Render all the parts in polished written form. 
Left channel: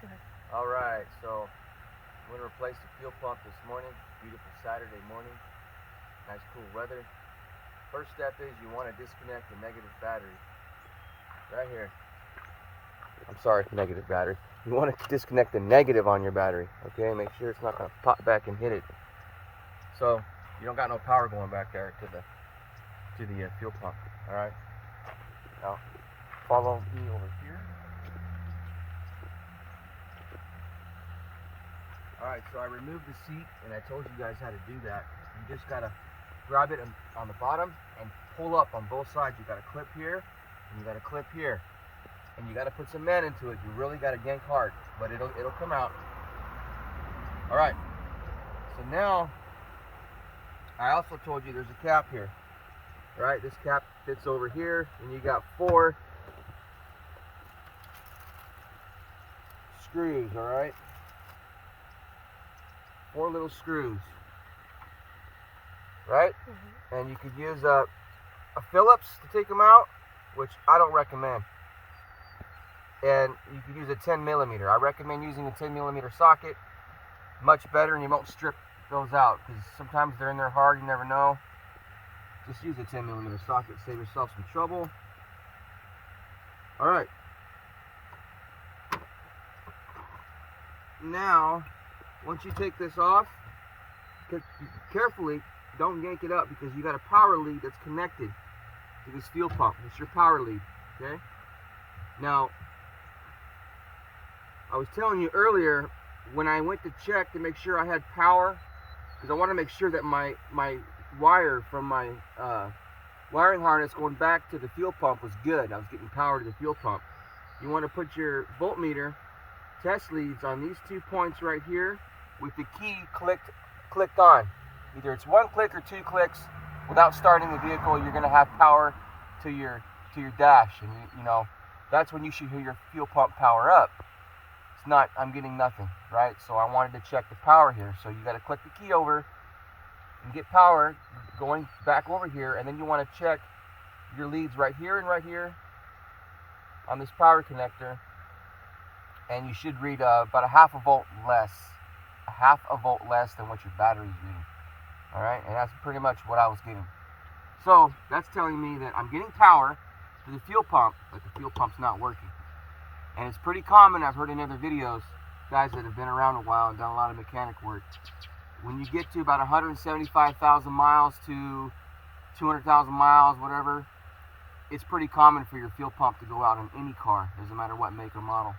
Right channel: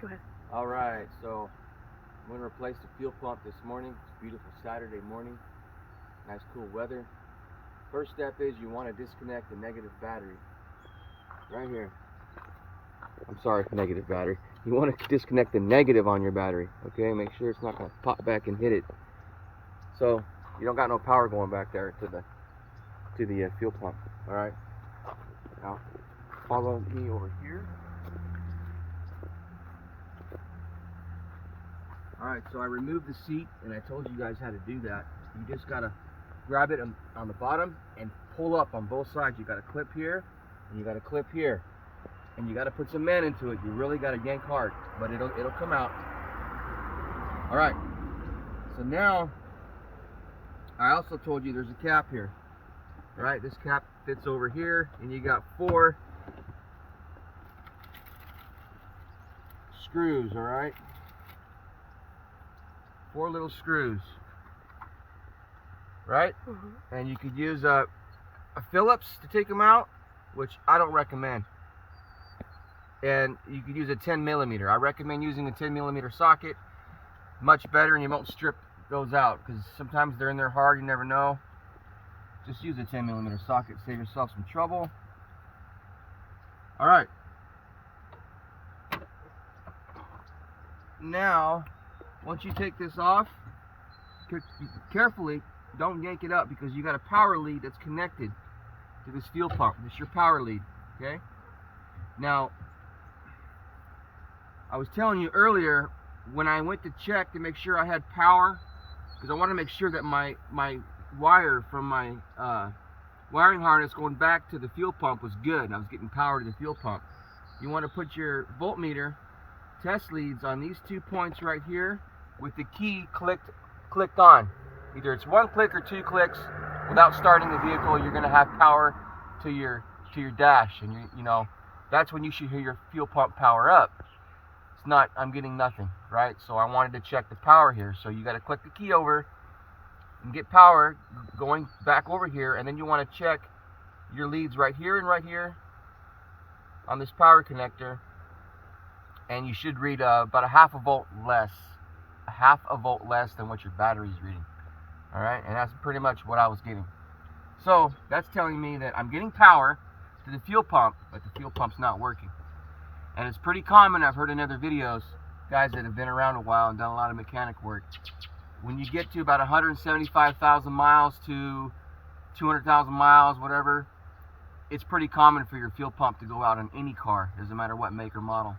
Go ahead. All right, so I'm going to replace the fuel pump this morning. It's a beautiful Saturday morning, nice cool weather. First step is you want to disconnect the negative battery right here. I'm sorry, negative battery. You want to disconnect the negative on your battery, okay? Make sure it's not going to pop back and hit it. So you don't got no power going back there to the fuel pump. All right. Now follow me over here. All right, so I removed the seat, and I told you guys how to do that. You just gotta grab it on the bottom and pull up on both sides. You got a clip here, and you got a clip here, and you got to put some man into it. You really got to yank hard, but it'll come out. All right. So now, I also told you there's a cap here. All right, this cap fits over here, and you got 4 screws. All right. 4 little screws, right? And you could use a Phillips to take them out, which I don't recommend. And you could use a 10mm. I recommend using a 10mm socket, much better, and you won't strip those out because sometimes they're in there hard, you never know. Just use a 10mm socket, save yourself some trouble. All right. Now, once you take this off, carefully, don't yank it up because you got a power lead that's connected to this fuel pump. This is your power lead, okay? Now, I was telling you earlier, when I went to check to make sure I had power, because I want to make sure that my wire from my wiring harness going back to the fuel pump was good. I was getting power to the fuel pump. You want to put your voltmeter test leads on these 2 points right here with the key clicked on. Either it's 1 click or 2 clicks. Without starting the vehicle, you're going to have power to your dash, and you know that's when you should hear your fuel pump power up. It's not, I'm getting nothing, right? So I wanted to check the power here. So you got to click the key over and get power going back over here, and then you want to check your leads right here and right here on this power connector, and you should read about a half a volt less than what your battery is reading. All right, and that's pretty much what I was getting. So that's telling me that I'm getting power to the fuel pump, but the fuel pump's not working. And it's pretty common, I've heard in other videos, guys that have been around a while and done a lot of mechanic work, when you get to about 175,000 miles to 200,000 miles, whatever, it's pretty common for your fuel pump to go out on any car, doesn't matter what make or model.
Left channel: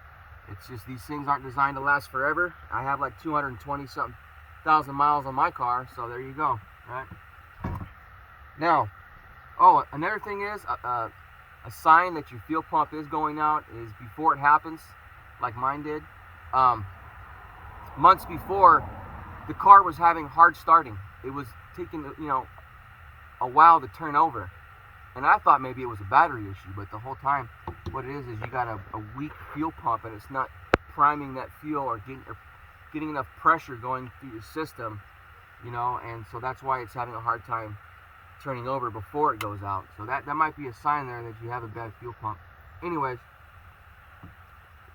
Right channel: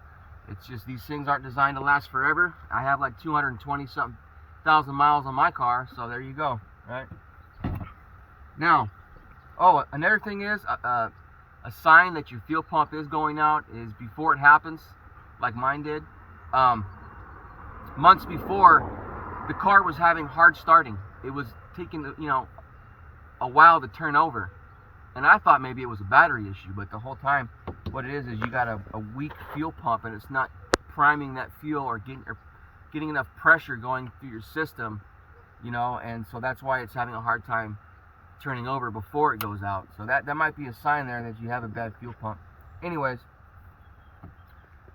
It's just these things aren't designed to last forever. I have like 220-something thousand miles on my car, so there you go, right? Now, oh, another thing is, a sign that your fuel pump is going out is before it happens, like mine did. Months before, the car was having hard starting. It was taking, a while to turn over. And I thought maybe it was a battery issue, but the whole time, what it is you got a weak fuel pump, and it's not priming that fuel or getting enough pressure going through your system, and so that's why it's having a hard time turning over before it goes out. So that might be a sign there that you have a bad fuel pump. Anyways,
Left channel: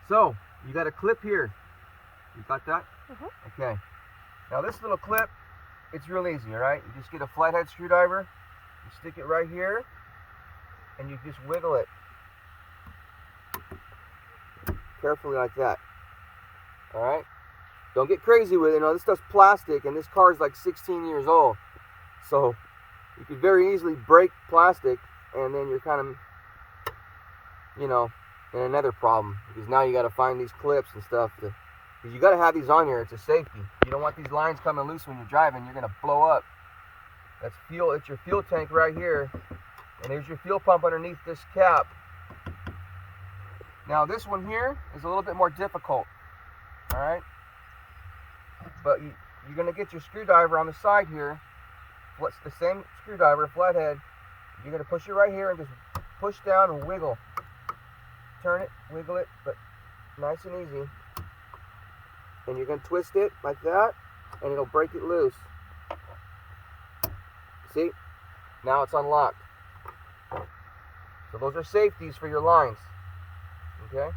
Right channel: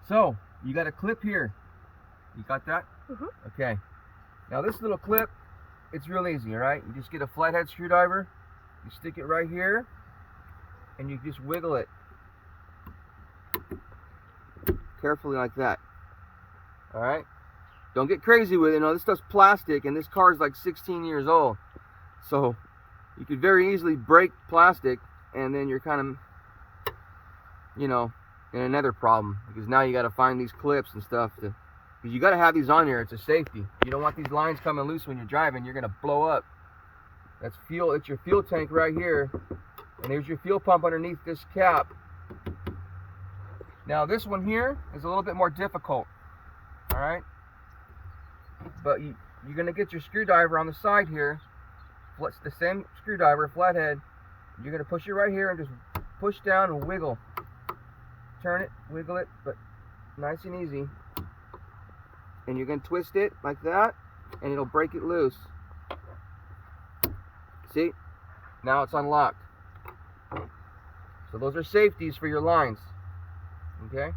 so you got a clip here. You got that? Okay. Now this little clip, it's real easy, all right? You just get a flathead screwdriver, you stick it right here, and you just wiggle it carefully like that. All right? Don't get crazy with it. This stuff's plastic, and this car is like 16 years old. So you could very easily break plastic, and then you're kind of, in another problem, because now you got to find these clips and stuff because you got to have these on here. It's a safety. You don't want these lines coming loose when you're driving. You're going to blow up. That's fuel. It's your fuel tank right here, and here's your fuel pump underneath this cap. Now this one here is a little bit more difficult, all right? But you're going to get your screwdriver on the side here. It's the same screwdriver, flathead. You're going to push it right here and just push down and wiggle. Turn it, wiggle it, but nice and easy. And you're going to twist it like that, and it'll break it loose. See? Now it's unlocked. So those are safeties for your lines. Okay?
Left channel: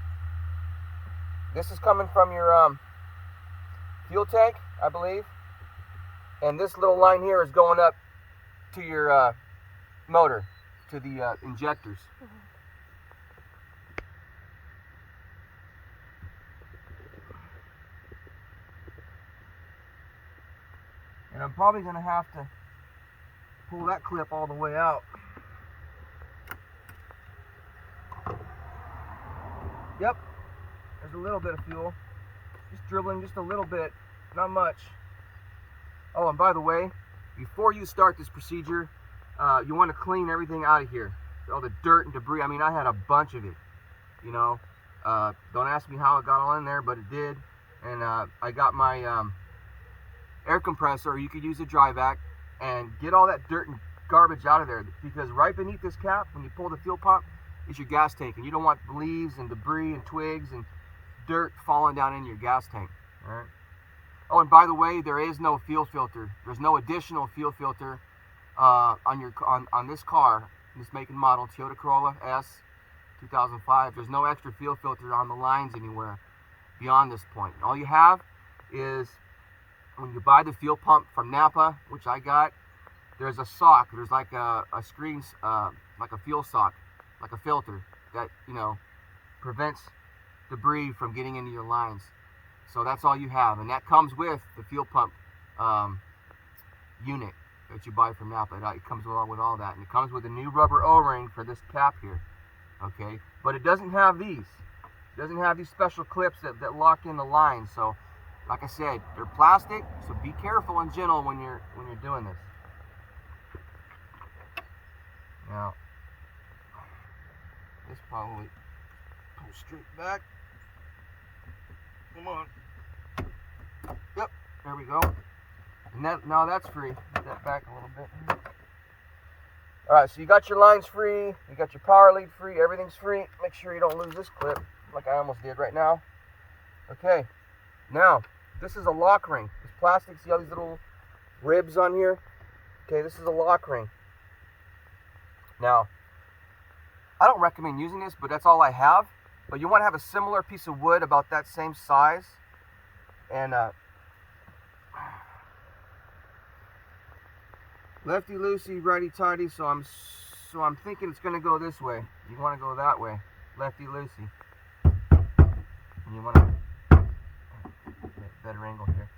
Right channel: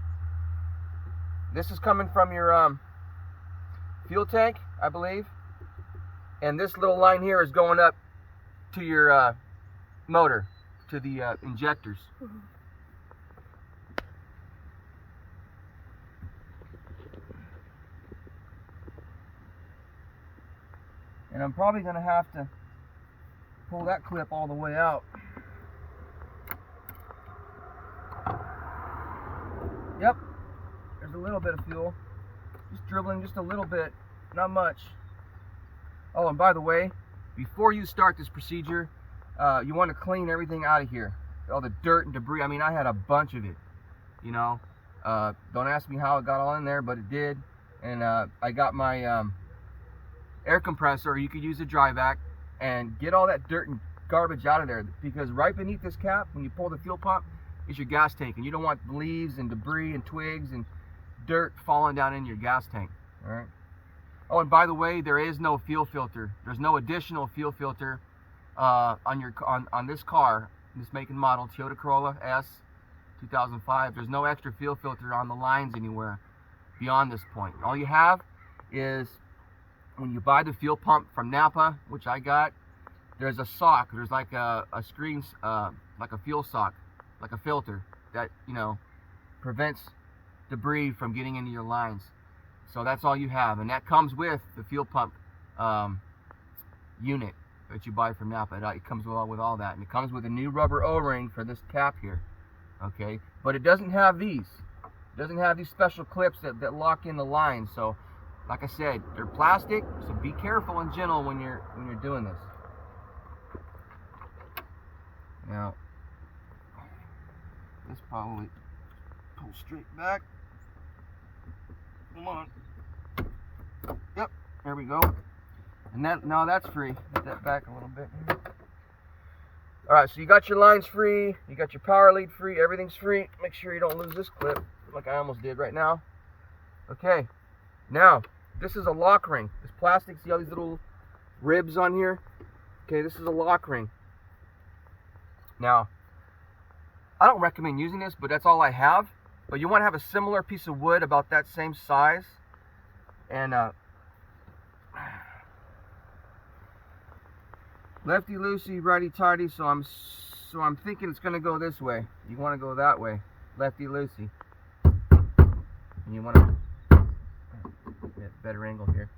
this is coming from your fuel tank, I believe, and this little line here is going up to your motor, to the injectors. Mm-hmm. And I'm probably going to have to pull that clip all the way out. Yep, there's a little bit of fuel. Just dribbling just a little bit, not much. Oh, and by the way, before you start this procedure, you want to clean everything out of here. All the dirt and debris. I mean, I had a bunch of it, you know. Don't ask me how it got all in there, but it did. And I got my air compressor, or you could use a dry vac, and get all that dirt and garbage out of there, because right beneath this cap, when you pull the fuel pump, is your gas tank, and you don't want leaves and debris and twigs and dirt falling down in your gas tank. All right. Oh, and by the way, there is no fuel filter. There's no additional fuel filter on this car, this make and model, Toyota Corolla S 2005. There's no extra fuel filter on the lines anywhere beyond this point. All you have is, when you buy the fuel pump from Napa, which I got, there's a sock. There's like a screen, like a fuel sock, like a filter that, you know, prevents debris from getting into your lines. So that's all you have, and that comes with the fuel pump unit that you buy from Napa. It comes with all that, and it comes with a new rubber O-ring for this cap here. Okay, but it doesn't have these. It doesn't have these special clips that lock in the lines. So, like I said, they're plastic, so be careful and gentle when you're doing this. Now, this probably pull straight back. Come on. Yep, there we go. And now that's free. Get that back a little bit. All right, so you got your lines free, you got your power lead free, everything's free. Make sure you don't lose this clip, like I almost did right now. Okay, now this is a lock ring. This plastic, see all these little ribs on here? Okay, this is a lock ring. Now, I don't recommend using this, but that's all I have. But you want to have a similar piece of wood about that same size. And lefty loosey, righty tighty. So I'm thinking it's going to go this way. You want to go that way, lefty loosey. And you want to get a better angle here.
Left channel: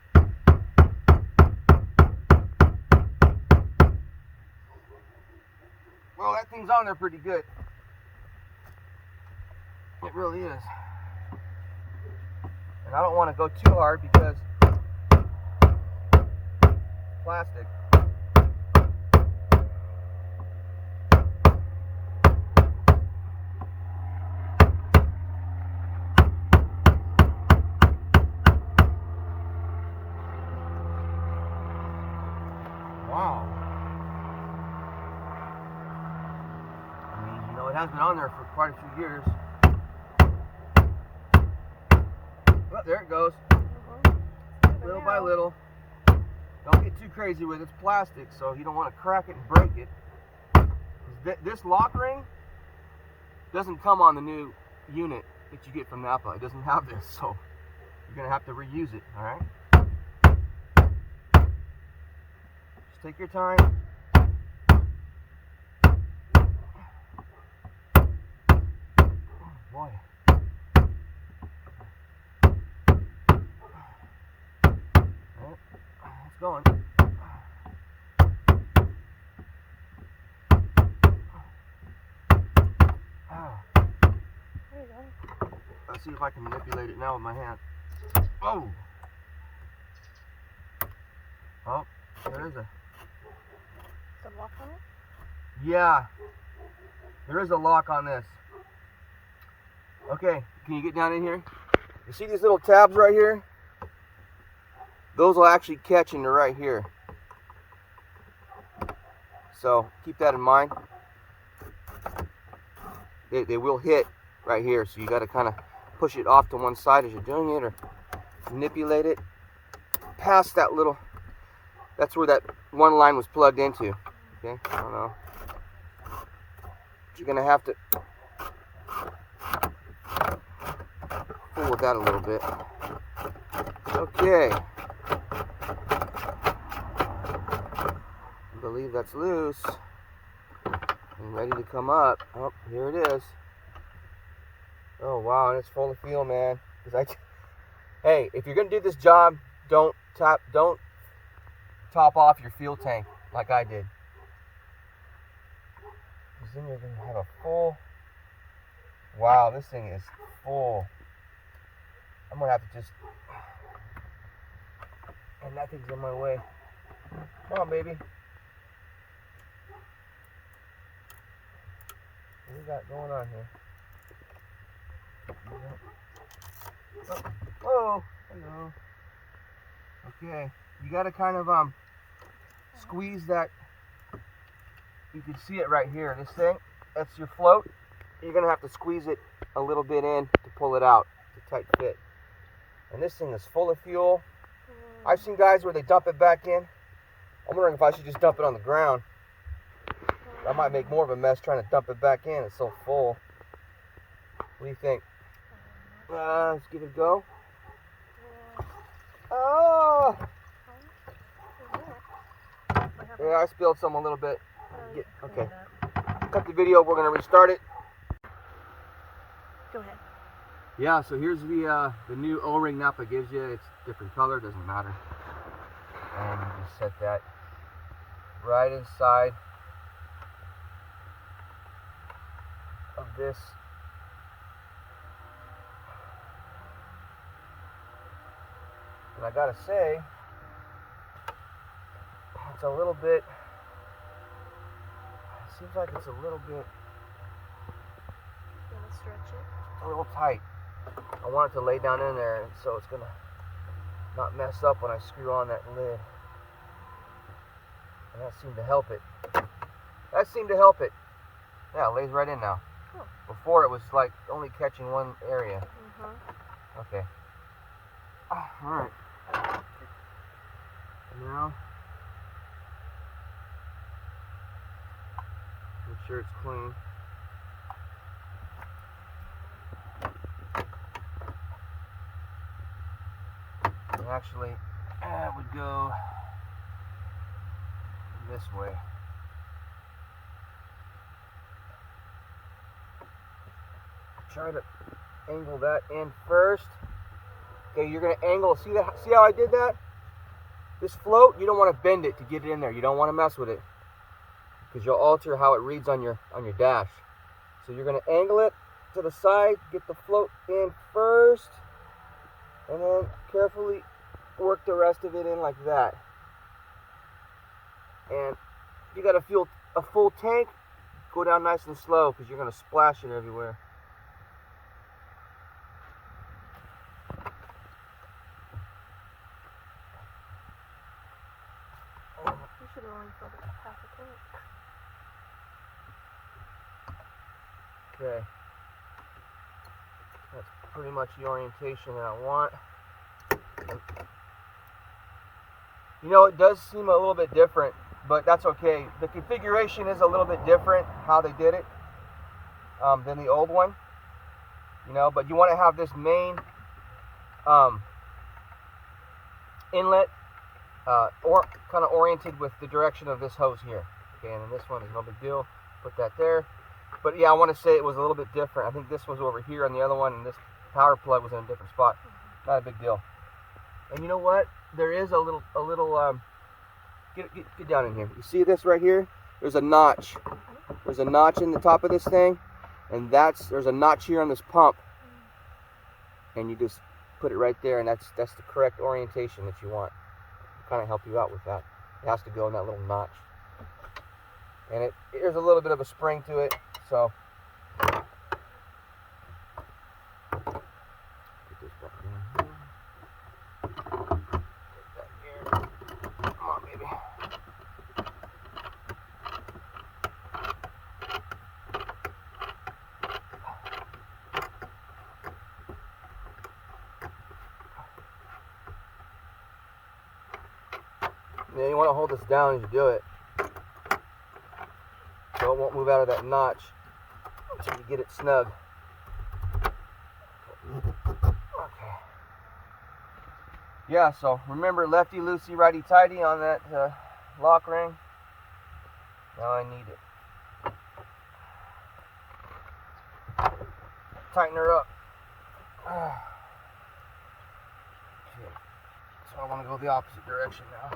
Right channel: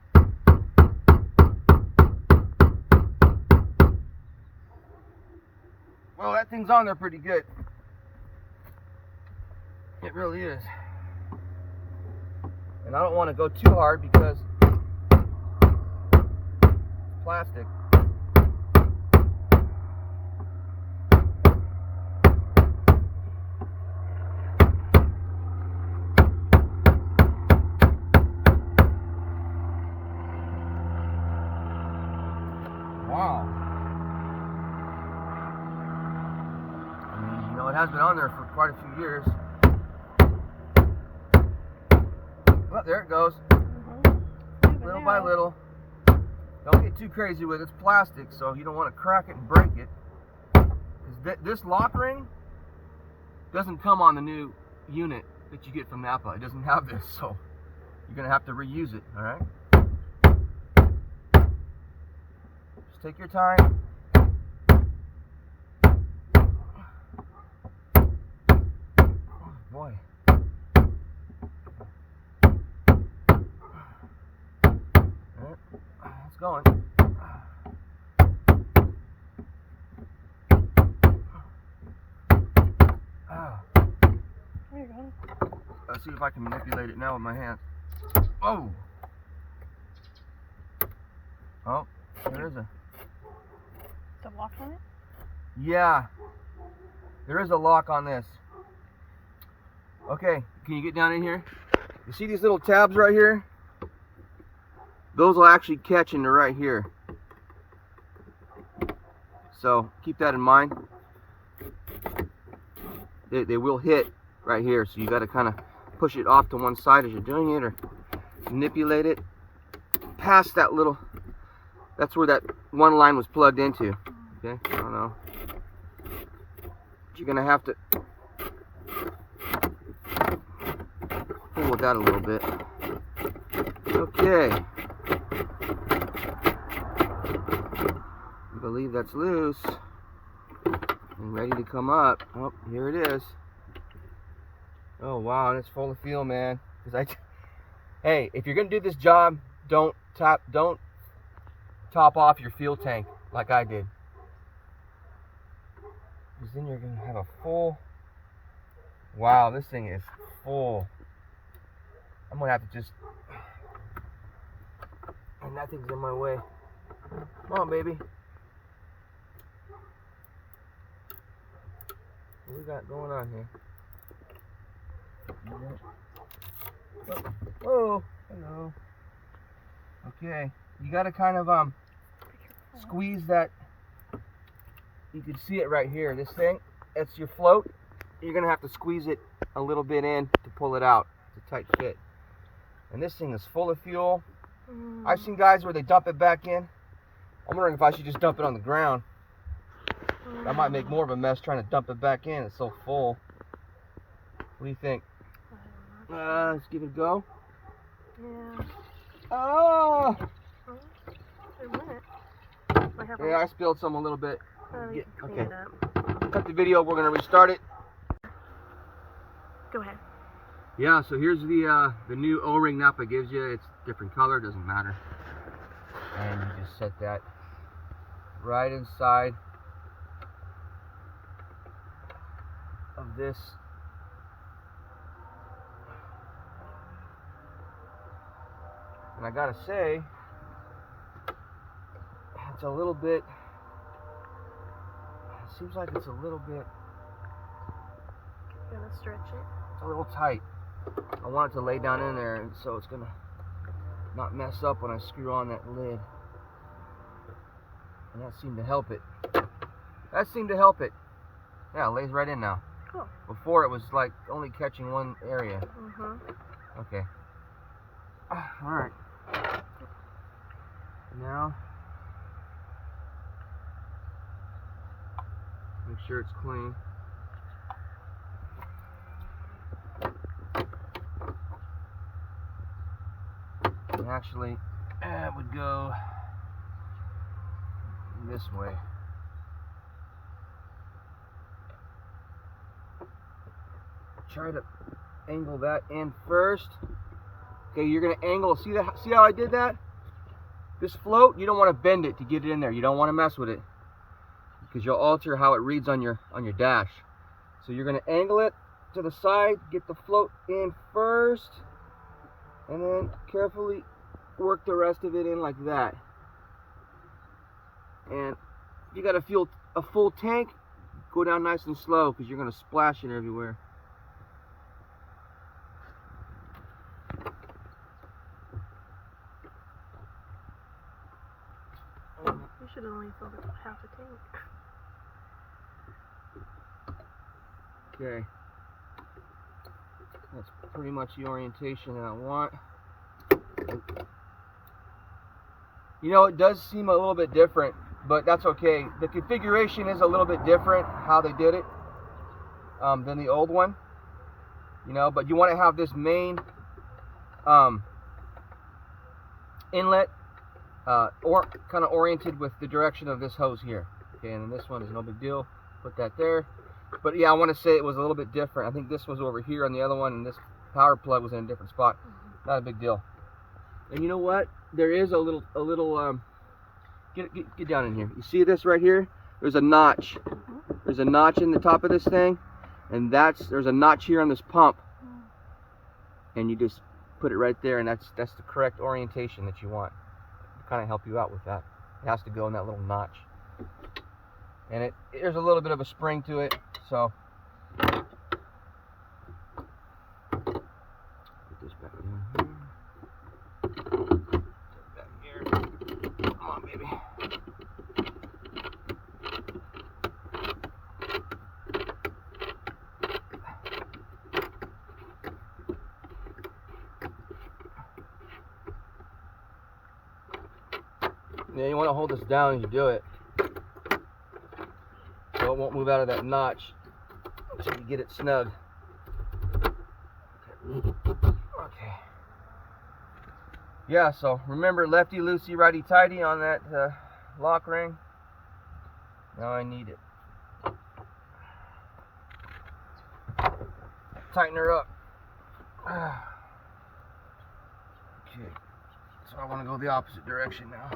Well, that thing's on there pretty good. It really is. And I don't want to go too hard because it's plastic. Wow. I mean, you know, it has been on there for quite a few years. Well, there it goes. Little by little. Don't get too crazy with it. It's plastic, so you don't want to crack it and break it. This lock ring doesn't come on the new unit that you get from Napa. It doesn't have this, so you're going to have to reuse it, all right? Just take your time. Oh, boy. It's going. Oh. There you go. Let's see if I can manipulate it now with my hands. Oh! Oh, there is a... The lock on it? Yeah. There is a lock on this. Okay, can you get down in here? You see these little tabs right here? Those will actually catch into right here. So keep that in mind. They will hit right here, so you got to kind of push it off to one side as you're doing it, or manipulate it past that little, that's where that one line was plugged into. Okay, I don't know. But you're going to have to pull the about that a little bit. Okay. I believe that's loose and ready to come up. Oh, here it is. Oh wow, and it's full of fuel, man. Hey, if you're gonna do this job, don't top off your fuel tank like I did, because then you're gonna have a full. Wow, this thing is full. I'm gonna have to just. And that thing's in my way. Come on, baby. What we got going on here? Oh, hello. Okay, you gotta kind of squeeze that. You can see it right here. This thing, that's your float. You're gonna have to squeeze it a little bit in to pull it out. It's a tight fit. And this thing is full of fuel. I've seen guys where they dump it back in. I'm wondering if I should just dump it on the ground. I might make more of a mess trying to dump it back in. It's so full. What do you think? Let's give it a go. Yeah. Oh! It went. Yeah, I spilled some a little bit. Okay. Cut the video. We're gonna restart it. Go ahead. Yeah. So here's the new O-ring Napa gives you. It's different color. Doesn't matter. And you just set that right inside of this. And I gotta say, it's a little bit, it seems like it's a little bit, Gonna stretch it. a little tight. I want it to lay down in there, and so it's gonna not mess up when I screw on that lid. And that seemed to help it. Yeah, it lays right in now. Cool. Before it was like only catching one area. Okay. Alright. Now, make sure it's clean. And actually, it would go this way. Try to angle that in first. Okay, you're gonna angle. See that? See how I did that? This float, you don't want to bend it to get it in there. You don't want to mess with it, because you'll alter how it reads on your dash. So you're gonna angle it to the side, get the float in first, and then carefully work the rest of it in like that. And you got a full tank, go down nice and slow, because you're gonna splash it everywhere. We should have only filled it half a tank. Okay. That's pretty much the orientation that I want. You know, it does seem a little bit different, but that's okay. The configuration is a little bit different, how they did it, than the old one. You know, but you want to have this main inlet or kind of oriented with the direction of this hose here. Okay, and then this one is no big deal. Put that there. But yeah, I want to say it was a little bit different. I think this was over here on the other one, and this power plug was in a different spot. Not a big deal. And you know what? There is a little get down in here. You see this right here? There's a notch. There's a notch in the top of this thing, and there's a notch here on this pump. And you just put it right there, and that's the correct orientation that you want. Kind of help you out with that. It has to go in that little notch. And there's a little bit of a spring to it, so put this back in here. Put that here. Come on, baby. Yeah, you want to hold this down as you do it, so it won't move out of that notch until you get it snug. Okay. Yeah, so remember lefty loosey, righty tighty on that lock ring. Now I need it. Tighten her up. Okay. So I want to go the opposite direction now.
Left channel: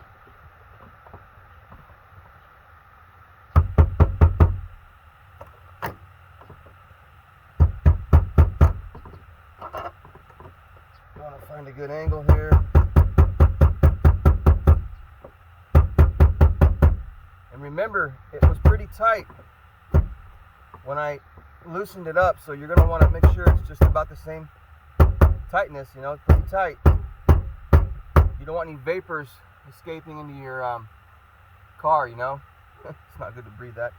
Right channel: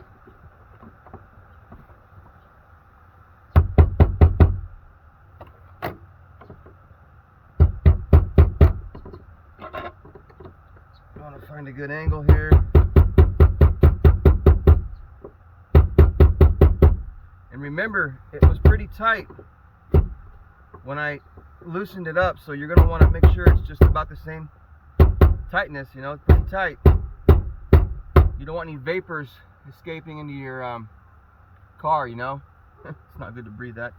I want to find a good angle here. And remember, it was pretty tight when I loosened it up, so you're going to want to make sure it's just about the same tightness, you know, pretty tight. You don't want any vapors escaping into your car, you know. It's not good to breathe that.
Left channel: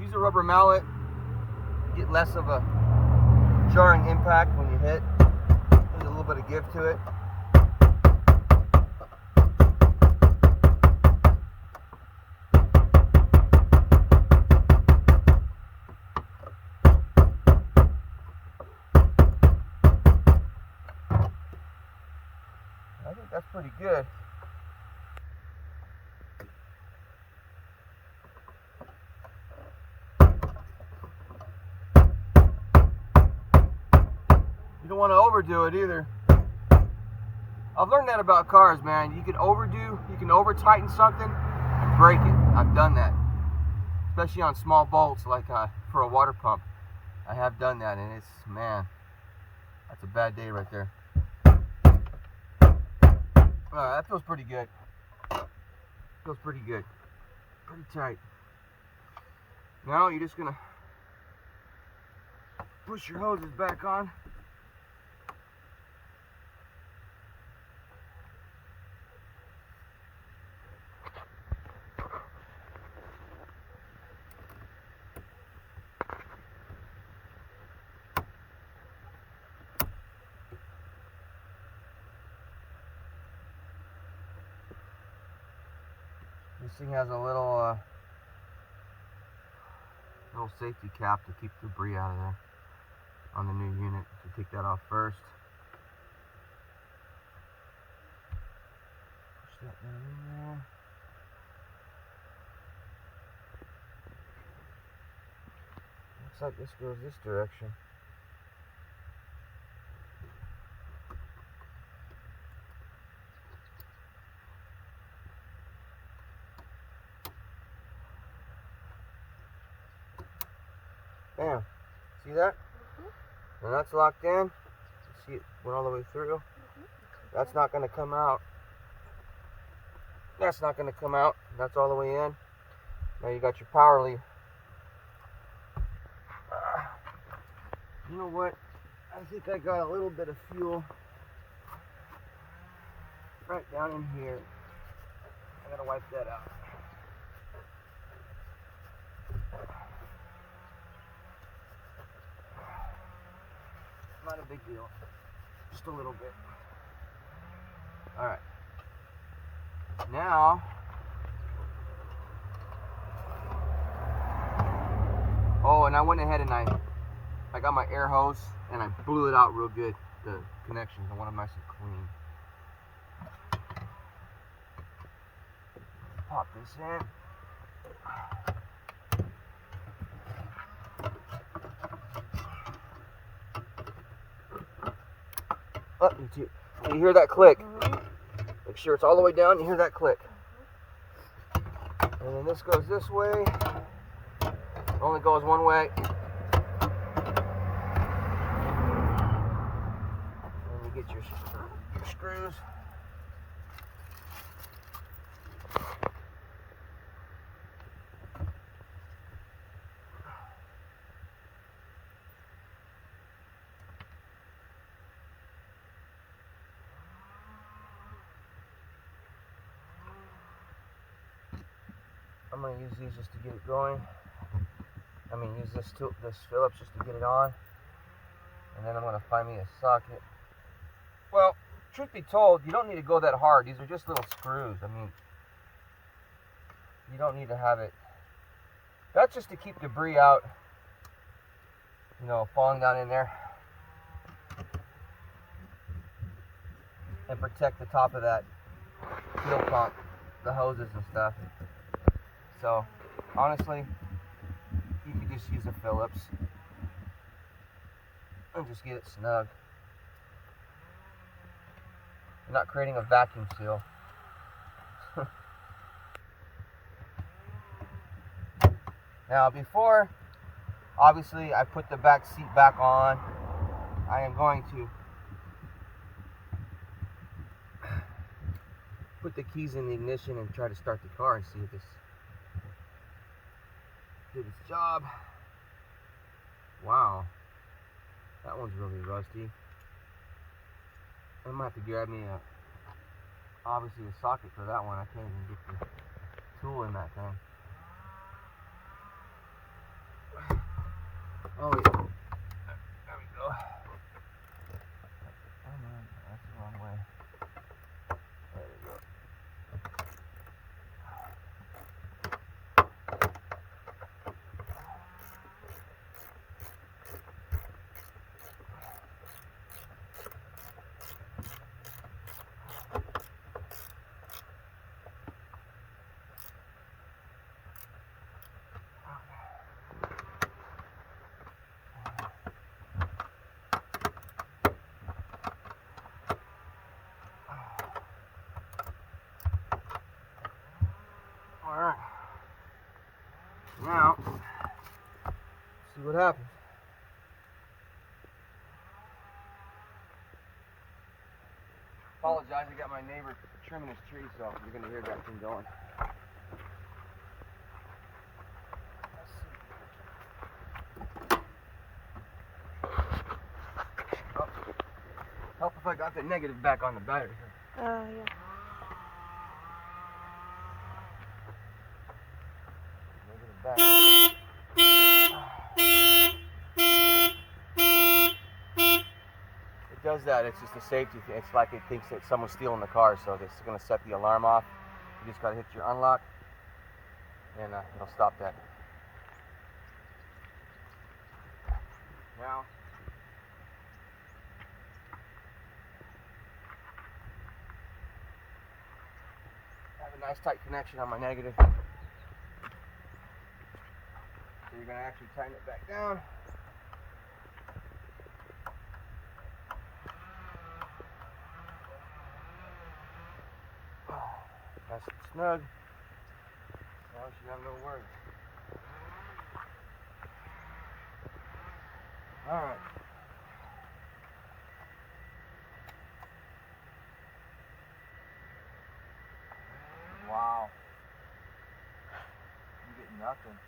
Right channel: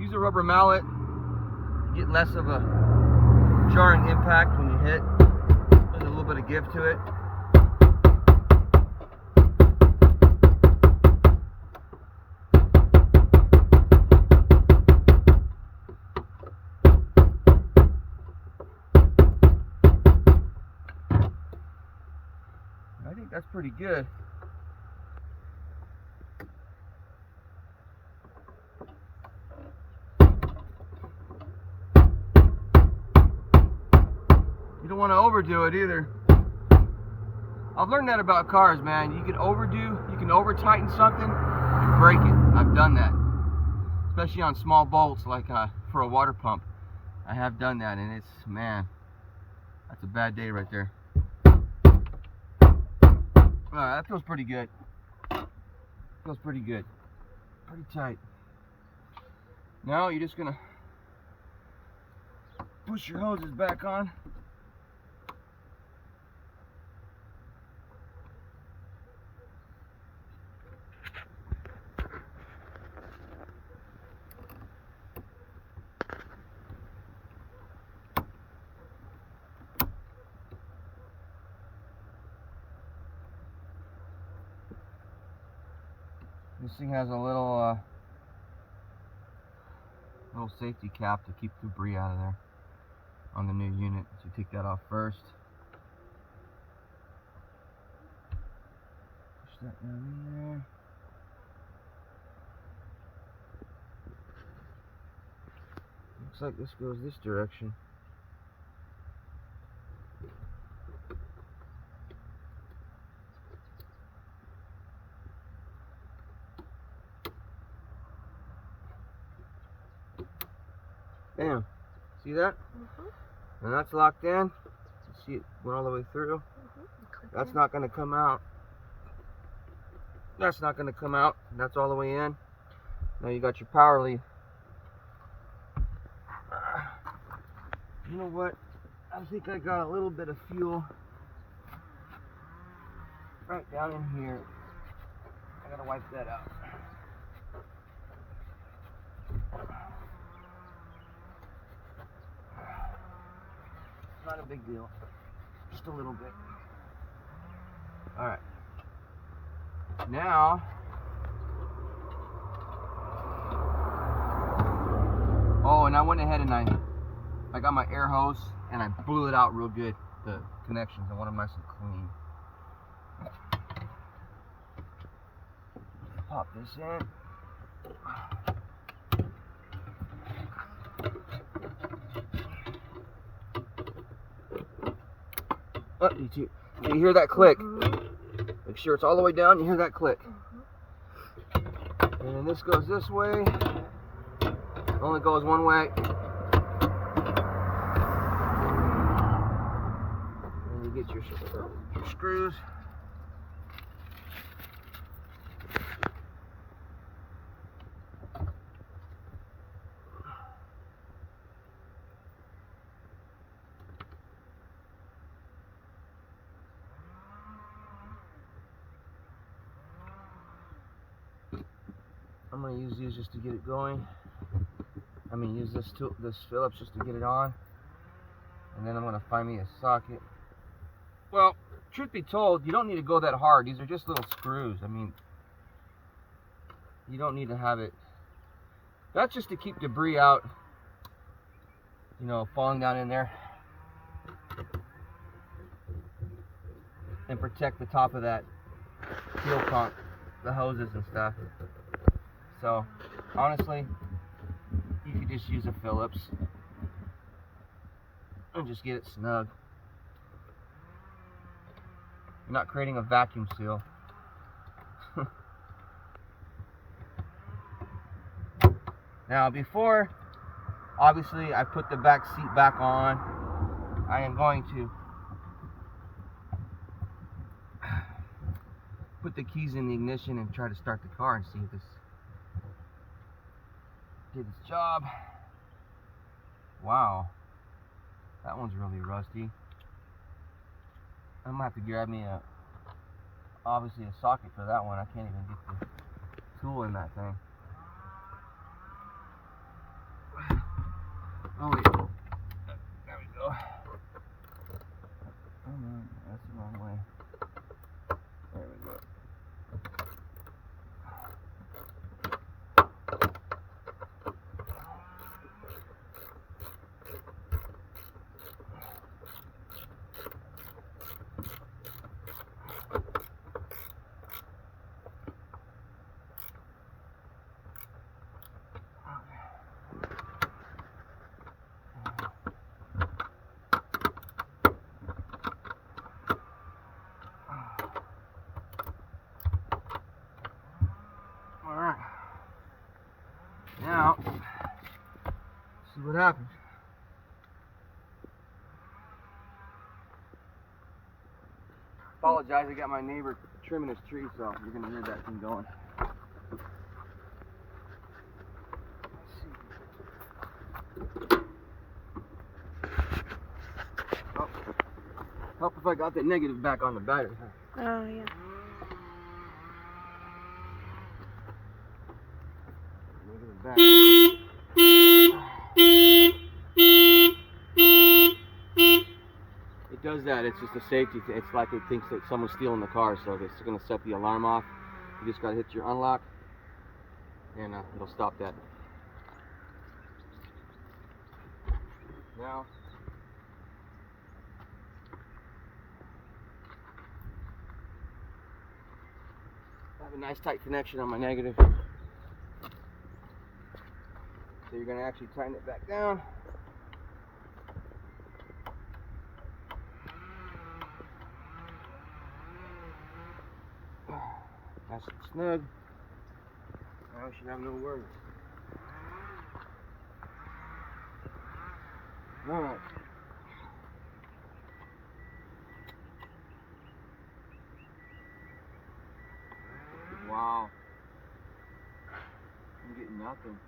Use a rubber mallet, get less of a jarring impact when you hit. There's a little bit of give to it. I think that's pretty good. You don't want to overdo it either. I've learned that about cars, man. You can overdo, you can over tighten something, break it. I've done that, especially on small bolts like for a water pump. I have done that, and it's, man, that's a bad day right there. That feels pretty good. Feels pretty good. Pretty tight. Now you're just gonna push your hoses back on. This thing has a little safety cap to keep debris out of there on the new unit. So take that off first. Push that down in there. Looks like this goes this direction. Bam. See that? And that's locked in. See it went all the way through. That's not going to come out. That's not going to come out. That's all the way in. Now you got your power lead. You know what? I think I got a little bit of fuel right down in here. I gotta wipe that out. Not a big deal. Just a little bit. Alright. Now, oh, and I went ahead and I got my air hose and I blew it out real good, the connections. I want them nice and clean. Pop this in. Oh, you hear that click? Make sure it's all the way down. You hear that click. And then this goes this way. Only goes one way. And you get your screws. I'm going to use these just to get it going. Use this Phillips just to get it on. And then I'm going to find me a socket. Well, truth be told, you don't need to go that hard. These are just little screws. I mean, you don't need to have it. That's just to keep debris out, you know, falling down in there. And protect the top of that fuel pump, the hoses and stuff. So, honestly, you could just use a Phillips and just get it snug. You're not creating a vacuum seal. Now, before, obviously, I put the back seat back on, I am going to put the keys in the ignition and try to start the car and see if this did its job. Wow, that one's really rusty. I'm gonna have to grab me obviously a socket for that one. I can't even get the tool in that thing. Oh wait, there we go. Oh no, that's the wrong way. There we go. Alright. Now, see what happens. Apologize, I got my neighbor trimming his tree, so you're gonna hear that thing going. Oh, help if I got that negative back on the battery. Oh, yeah. Negative back. It does that. It's just a safety thing. It's like it thinks that someone's stealing the car, so it's going to set the alarm off. You just got to hit your unlock, and it'll stop that. Now, I have a nice tight connection on my negative. So you're going to actually tighten it back down. Nice and snug. Now we should have no worries. Alright. Wow. You get nothing.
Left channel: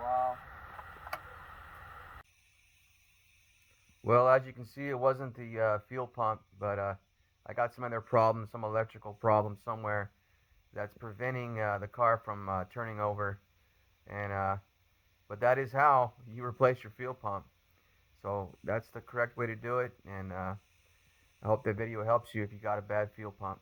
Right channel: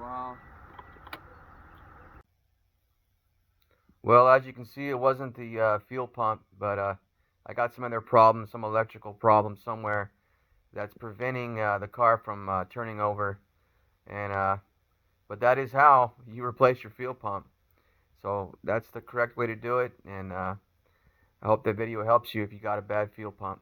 Wow. Well, as you can see, it wasn't the fuel pump, but I got some other problems, some electrical problems somewhere that's preventing the car from turning over. And but that is how you replace your fuel pump. So that's the correct way to do it. And I hope the video helps you if you got a bad fuel pump.